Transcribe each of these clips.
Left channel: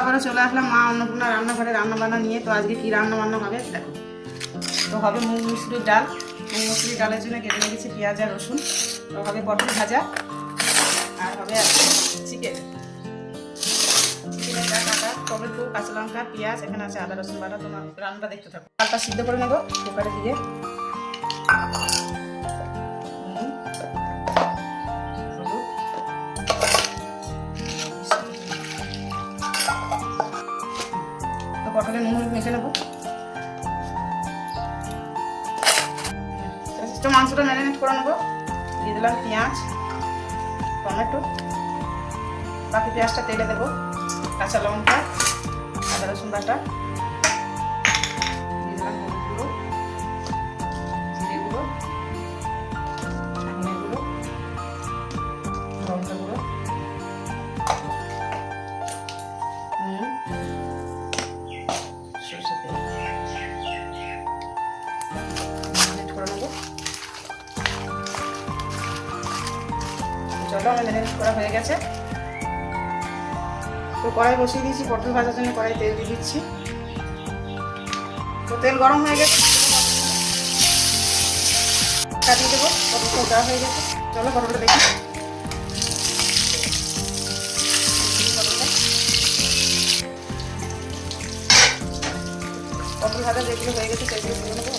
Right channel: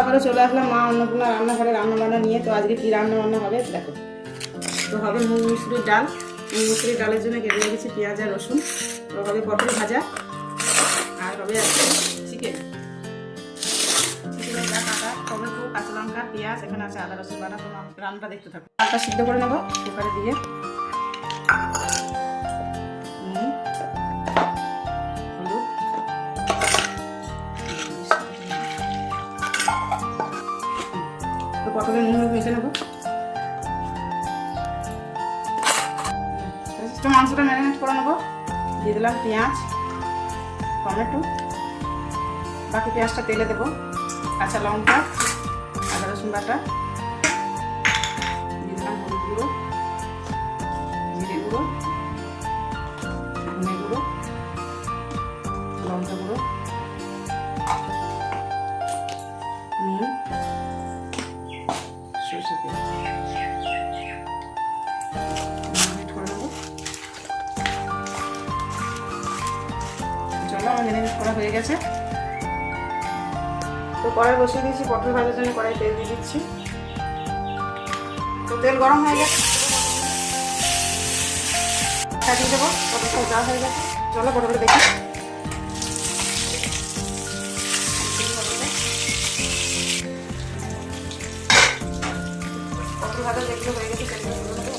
আবারও চলে আসলাম মা অন্নপূর্ণা রান্নাঘরে রান্নাবান্না নিয়ে। তো আজকে কি রান্নাবান্না হবে দেখো। তো হবে মুগ মুসুরির ডাল। মুগ মুসুরির ডালের জন্য কেটে রেখেছি পেঁয়াজ আর রসুন। তো হবে পটল ভাজা আর হবে চিকেন। চিকেনের কাটা টমেটো কাঁচা লঙ্কা পেঁয়াজ, এখানে আছে আদা রসুন বাটা। তোমার রান্নাটা দেখতে থাকো। ডালটা সিদ্ধ করে নেবো কুকারে দিয়ে। পটলে নুন হলুদ মেখে নেবো। মাংসটা ম্যারিনেট করে নেবো। দিয়ে দিলাম পেঁয়াজ টমেটো, বাকি পেঁয়াজটা তেলে দেবো, কাঁচা লঙ্কা আদা রসুন বাটা, দিয়ে দিলাম হলুদ গুঁড়ো, জিরে গুঁড়ো, ধনে গুঁড়ো, লঙ্কা গুঁড়ো, নুন, সরষে তেল ম্যারিনেট করে নেবো। চলো আমার ম্যারিনেট করা হয়ে গেছে। তো কড়াই বসিয়ে দিয়েছি পটল ভাজার জন্য। কড়াই তেল দিয়ে দিচ্ছি। তো তেল গরম হয়ে গেছে, দিয়ে দেবো। পটলটা দেওয়া হয়ে গেছে। চলো পটলটা দেখি। পটল ভাজা যেগুলো হয়ে গেছে সেগুলো করে নেবো।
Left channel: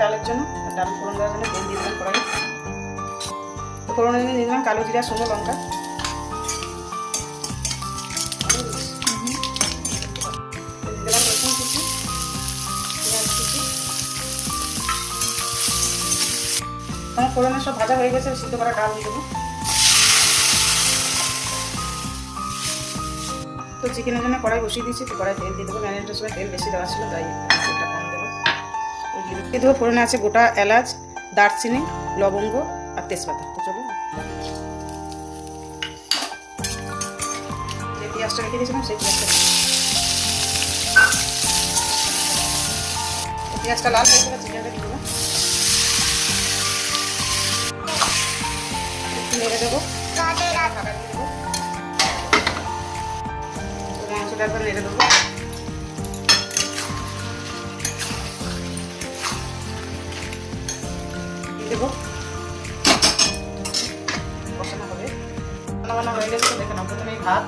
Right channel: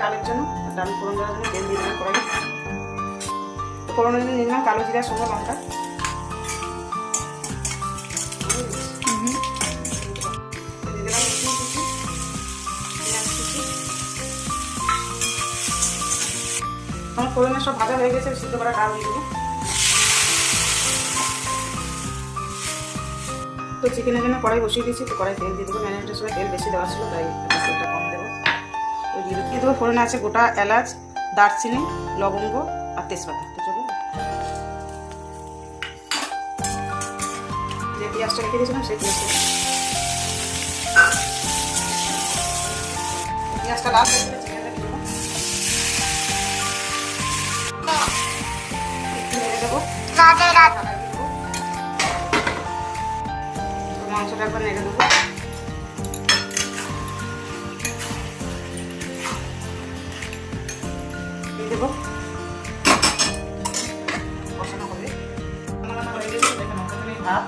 ডালের জন্য ডাল ফোড়ন দেওয়ার জন্য তেল দিয়ে দিলাম কড়াই। তো ফোড়নের জন্য দিয়ে দিলাম কালো জিরা শুকনো লঙ্কা, দিয়ে দিলাম রসুন কুচি, পেঁয়াজ কুচি। আমার ফোড়নের সব ভাজা হয়ে গেছে। সিদ্ধ করা ডাল দিয়ে দেবো। তো চিকেনের জন্য কড়াই বসিয়ে দিয়েছি। তো কড়াই তেল দিয়ে দেবো। ম্যারিনেটের সময় তেল বেশি দেওয়া ছিল তাই তেলটা কম দেবো। দিয়ে দেবো ফোড়নে আছে গোটা এলাচ, দারচিনি, লবঙ্গ আর তেজপাতা। তো চলো যে পেঁয়াজটা রেখে দিয়েছিলাম সেই পেঁয়াজটা লাল হয়ে গেলে চিকেনটা দিয়ে দিলাম, নেড়ে দেবো। মাংসটা একবার নেড়ে দেবো। দেবো বসানো হবে। রান্না হয়ে গেছে। দেখেন প্রথমেই ভাত,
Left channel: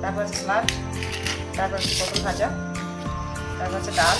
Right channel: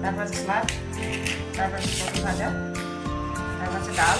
তারপর আছে স্যালাড, তারপর আছে পটল ভাজা, তারপর আছে ডাল,